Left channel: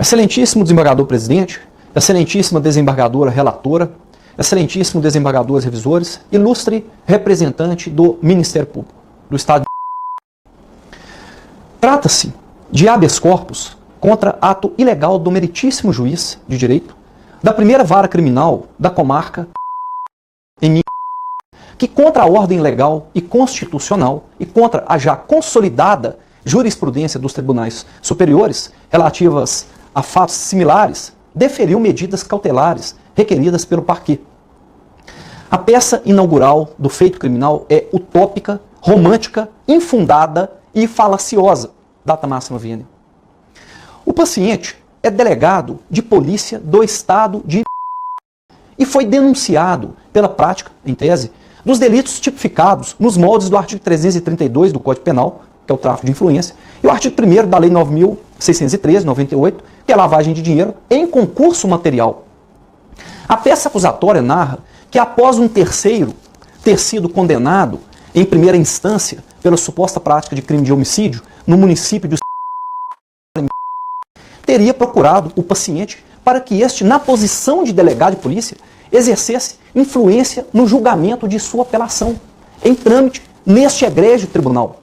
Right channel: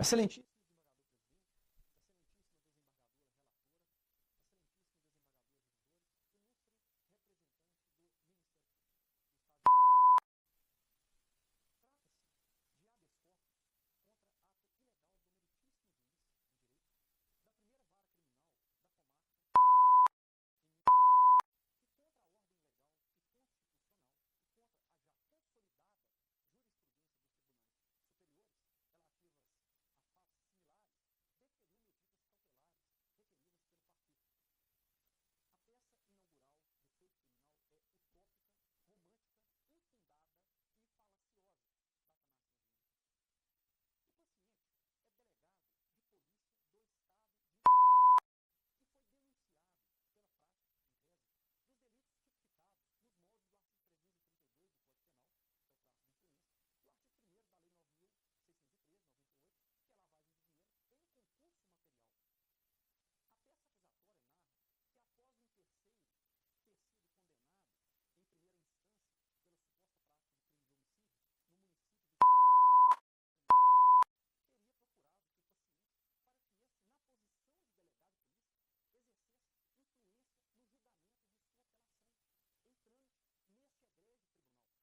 Excelentíssimo desembargador presidente, excelentíssima desembargadora relatora, excelentíssimo desembargadores revisores, ilustre representante do Ministério Público do Estado de... Trata-se de habeas corpus contra ato ilegal do meritíssimo juiz de direito da primeira vara criminal da comarca que contra a ordem legal e constitucional e contra a já consolidada jurisprudência dos tribunais superiores relativas a fatos similares, deferiu medidas cautelares requeridas pelo parquê. A peça inaugural do feito criminal é utópica, romântica, infundada e falaciosa, data máxima venia. O paciente é delegado de polícia do estado de e foi denunciado pela prática, em tese, dos delitos tipificados nos moldes do artigo 332 do Código Penal, que é o tráfico de influência, e o artigo 1º da Lei 9.613, 98, que é a lavagem de dinheiro em concurso material. A peça acusatória narra que após um terceiro ter sido condenado em primeira instância pela suposta prática de crime de homicídio no município de teria procurado o paciente para que este, na posição de delegado de polícia, exercesse influência no julgamento de sua apelação, em trâmite neste egrégio tribunal.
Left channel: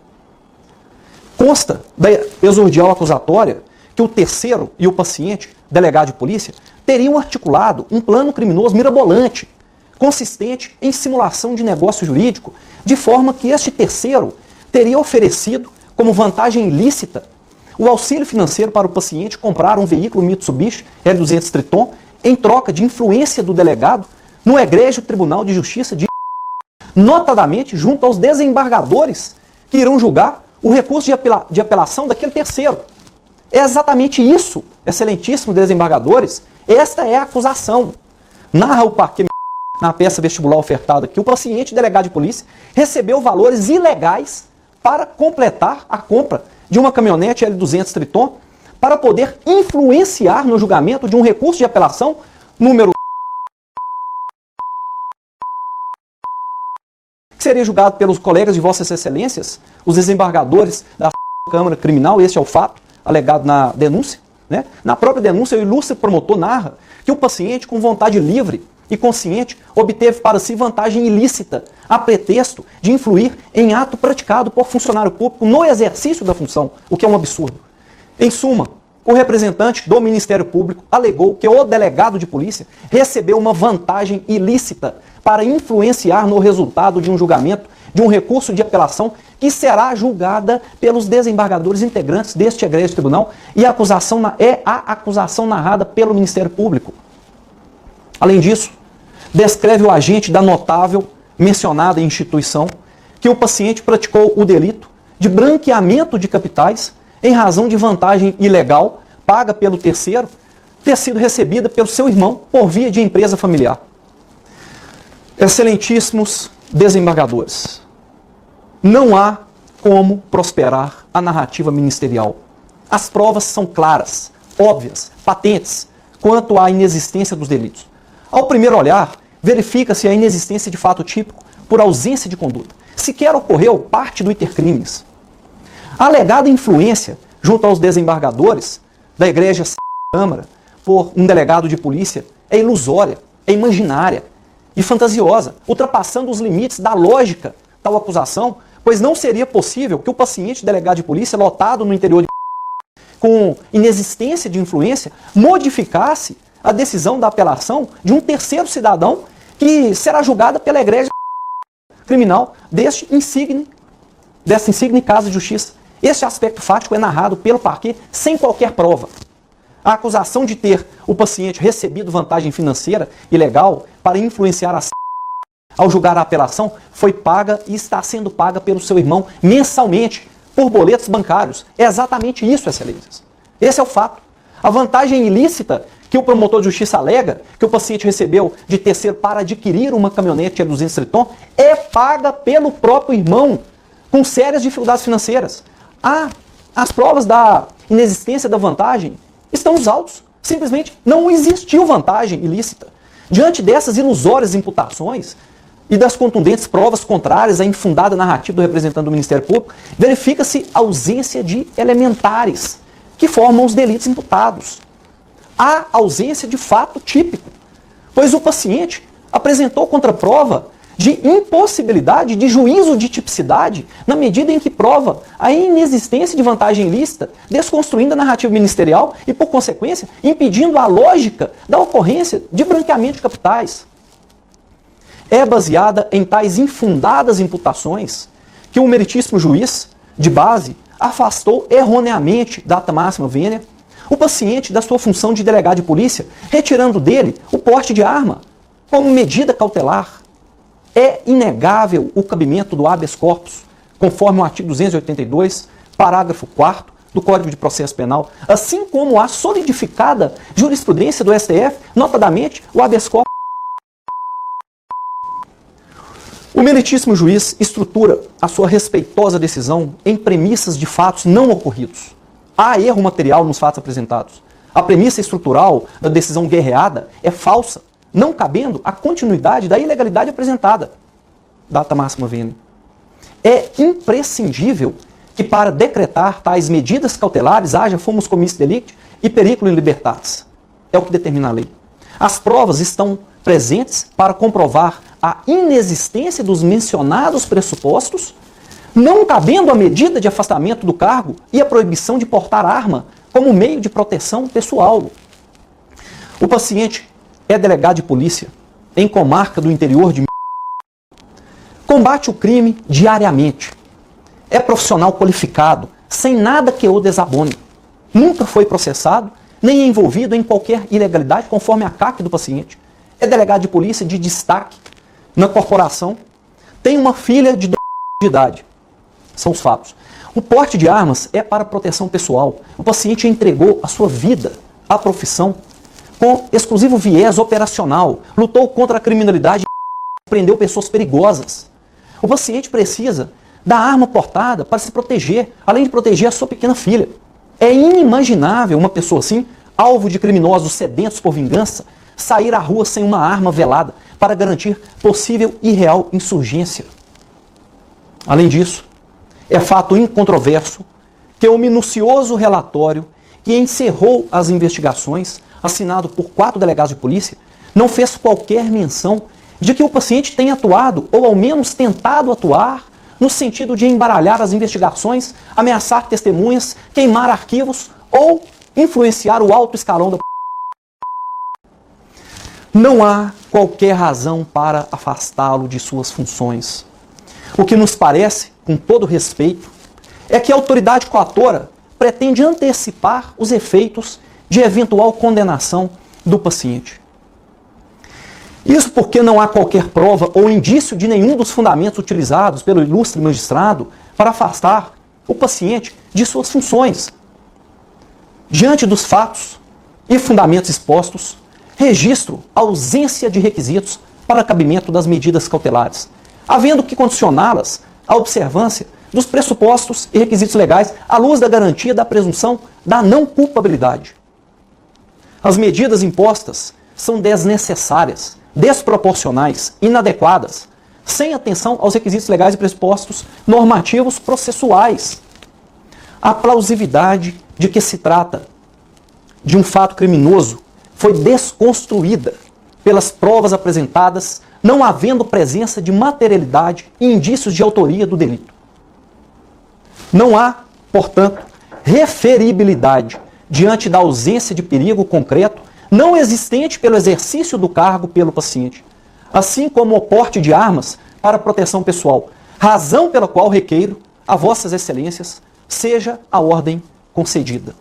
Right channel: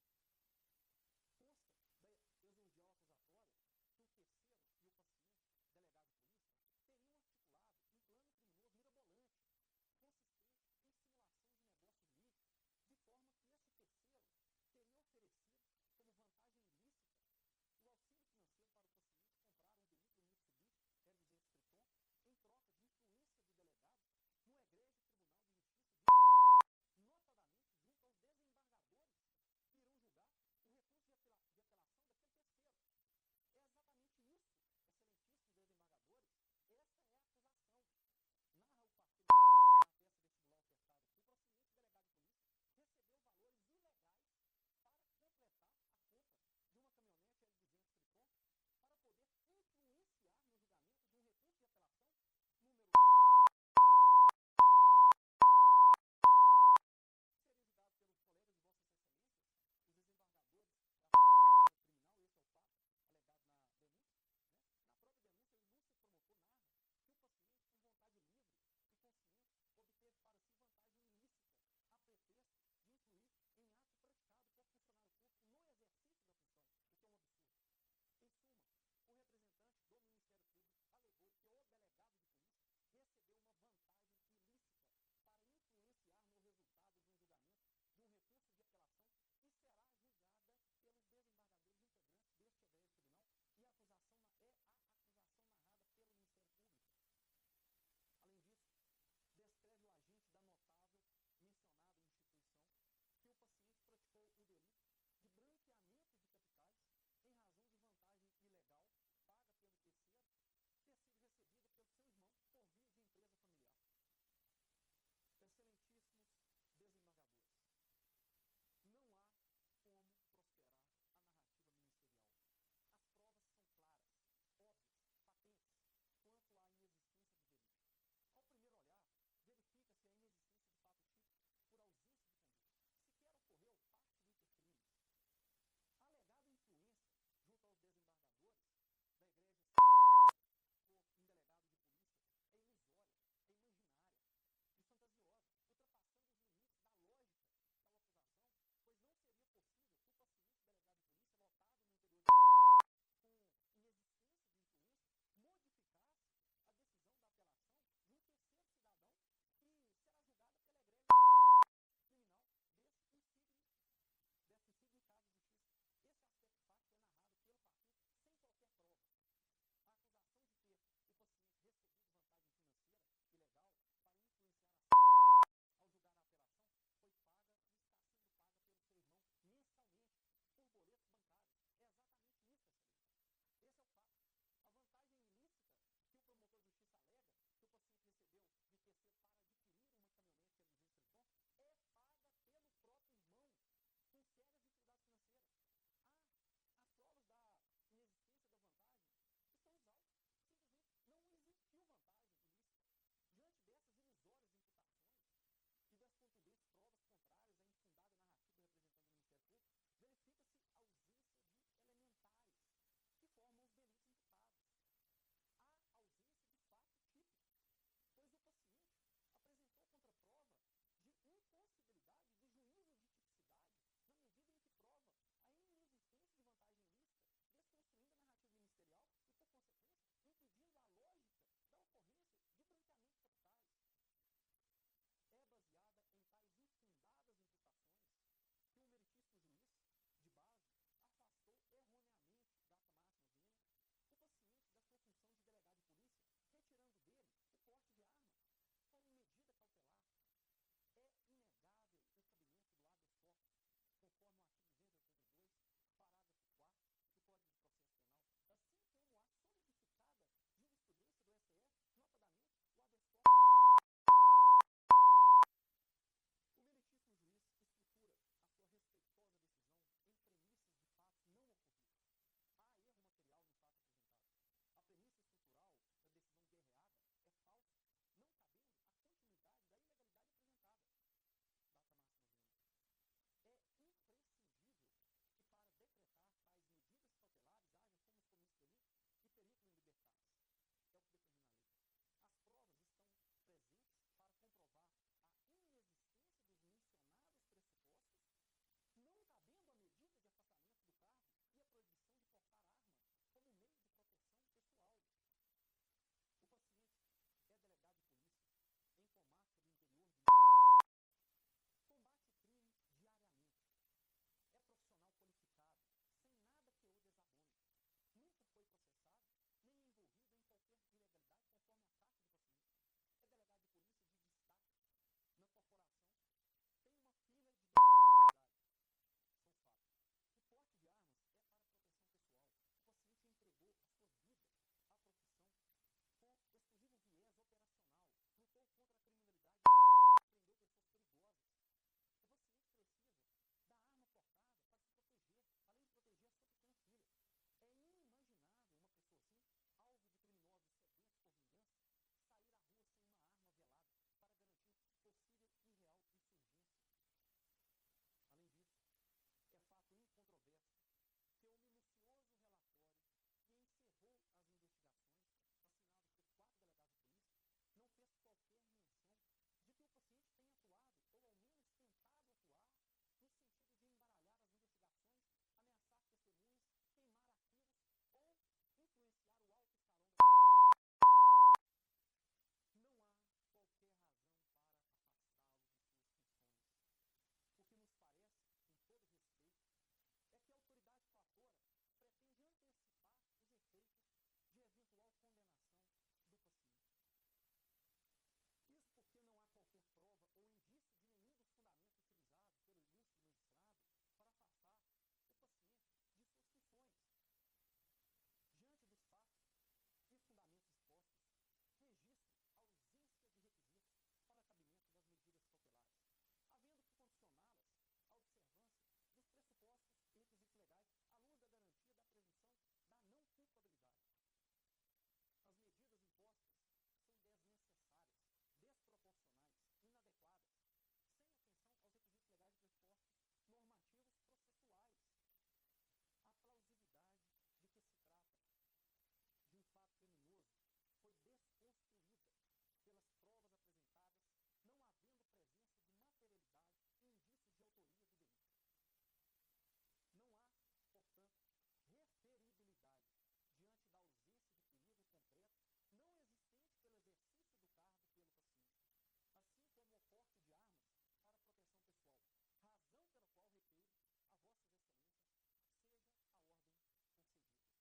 Consta da exordial acusatória que o terceiro e o paciente, delegado de polícia, teriam articulado um plano criminoso mirabolante, consistente em simulação de negócio jurídico, de forma que este terceiro teria oferecido, como vantagem ilícita, o auxílio financeiro para o paciente comprar um veículo Mitsubishi L200 Triton em troca de influência do delegado no egrégio Tribunal de Justiça de notadamente junto aos desembargadores que irão julgar o recurso de apelação daquele terceiro. É exatamente isso, excelentíssimos desembargadores, esta é a acusação. Narra o parquê na peça vestibular ofertada que o paciente delegado de polícia recebeu valores ilegais para completar a compra de uma caminhonete L200 Triton para poder influenciar no julgamento de um recurso de apelação número que seria julgado pelos colegas de Vossas Excelências, os desembargadores da Câmara Criminal, este é o fato alegado na denúncia. Né? Na própria denúncia, o ilustre promotor narra que o paciente, com vontade livre e consciente, obteve para si vantagem ilícita, a pretexto de influir em ato praticado por funcionário público no exercício da função, o que é um absurdo. Em suma, o representante do Ministério Público alegou que o delegado de polícia recebeu uma vantagem ilícita para influenciar no resultado de um julgamento de um recurso de apelação que será julgada pelos desembargadores integrantes deste egrégio tribunal e a acusação é a acusação narrada pelo Ministério Público. Além disso, descreve o agente da notável mencionada instituição que o paciente praticou o delito de branqueamento de capitais em razão de vantagem ilegal paga pelo terceiro ter sido recebida pelo seu irmão por via de empresa familiar. Excelentíssimos desembargadores, não há como prosperar a narrativa ministerial. As provas são claras, óbvias, patentes, quanto à inexistência dos delitos. Ao primeiro olhar, verifica-se a inexistência de fato típico por ausência de conduta. Sequer ocorreu parte do intercrimes. A alegada influência junto aos desembargadores da Igreja Câmara por um delegado de polícia é ilusória, é imaginária e fantasiosa, ultrapassando os limites da lógica tal acusação, pois não seria possível que o paciente delegado de polícia lotado no interior de com inexistência de influência modificasse a decisão da apelação de um terceiro cidadão que será julgada pela egrégia criminal dessa insigne Casa de Justiça. Este aspecto fático é narrado pelo parquê sem qualquer prova. A acusação de ter o paciente recebido vantagem financeira ilegal para influenciar a ao julgar a apelação foi paga e está sendo paga pelo seu irmão mensalmente por boletos bancários. É exatamente isso, excelências. Esse é o fato. A vantagem ilícita que o promotor de justiça alega que o paciente recebeu de terceiro para adquirir uma caminhonete L200 Triton é paga pelo próprio irmão, com sérias dificuldades financeiras. As provas da inexistência da vantagem estão nos autos. Simplesmente não existiu vantagem ilícita. Diante dessas ilusórias imputações e das contundentes provas contrárias à infundada narrativa do representante do Ministério Público, verifica-se ausência de elementares que formam os delitos imputados. há ausência de fato típico, pois o paciente apresentou contraprova de impossibilidade de juízo de tipicidade na medida em que prova a inexistência de vantagem ilícita, desconstruindo a narrativa ministerial e, por consequência, impedindo a lógica da ocorrência de branqueamento de capitais. É baseada em tais infundadas imputações que o meritíssimo juiz, de base, afastou erroneamente data máxima vênia o paciente da sua função de delegado de polícia, retirando dele o porte de arma como medida cautelar. É inegável o cabimento do habeas corpus, conforme o artigo 282, parágrafo 4º do Código de Processo Penal, assim como a solidificada jurisprudência do STF, notadamente o habeas corpus. O meritíssimo juiz estrutura a sua respeitosa decisão em premissas de fatos não ocorridos. Há erro material nos fatos apresentados. A premissa estrutural da decisão guerreada é falsa, não cabendo a continuidade da ilegalidade apresentada. Data máxima vênia. É imprescindível que para decretar tais medidas cautelares haja fumus commissi delicti e periculum in libertatis. É o que determina a lei. As provas estão presentes para comprovar a inexistência dos mencionados pressupostos, não cabendo a medida de afastamento do cargo e a proibição de portar arma como meio de proteção pessoal. O paciente é delegado de polícia em comarca do interior de combate o crime diariamente. É profissional qualificado, sem nada que o desabone. Nunca foi processado, nem é envolvido em qualquer ilegalidade conforme a CAC do paciente. É delegado de polícia de destaque na corporação. Tem uma filha de 2 anos de idade. São os fatos. O porte de armas é para proteção pessoal. O paciente entregou a sua vida à profissão com exclusivo viés operacional. Lutou contra a criminalidade e prendeu pessoas perigosas. O paciente precisa da arma portada para se proteger, além de proteger a sua pequena filha. É inimaginável uma pessoa assim, alvo de criminosos sedentos por vingança, sair à rua sem uma arma velada para garantir possível e real insurgência. Além disso, é fato incontroverso que o minucioso relatório que encerrou as investigações, assinado por 4 delegados de polícia, não fez qualquer menção de que o paciente tenha atuado, ou ao menos tentado atuar, no sentido de embaralhar as investigações, ameaçar testemunhas, queimar arquivos ou influenciar o alto escalão da Não há qualquer razão para afastá-lo de suas funções. O que nos parece, com todo respeito, é que a autoridade coatora pretende antecipar os efeitos de eventual condenação do paciente. Isso porque não há qualquer prova ou indício de nenhum dos fundamentos utilizados pelo ilustre magistrado para afastar o paciente de suas funções. Diante dos fatos e fundamentos expostos, registro a ausência de requisitos para cabimento das medidas cautelares, havendo que condicioná-las à observância dos pressupostos e requisitos legais à luz da garantia da presunção da não culpabilidade. As medidas impostas são desnecessárias, desproporcionais, inadequadas, sem atenção aos requisitos legais e pressupostos normativos processuais. A plausibilidade de que se trata de um fato criminoso foi desconstruída pelas provas apresentadas, não havendo presença de materialidade e indícios de autoria do delito. Não há, portanto, referibilidade diante da ausência de perigo concreto não existente pelo exercício do cargo pelo paciente, assim como o porte de armas para proteção pessoal, razão pela qual requeiro a vossas excelências seja a ordem concedida.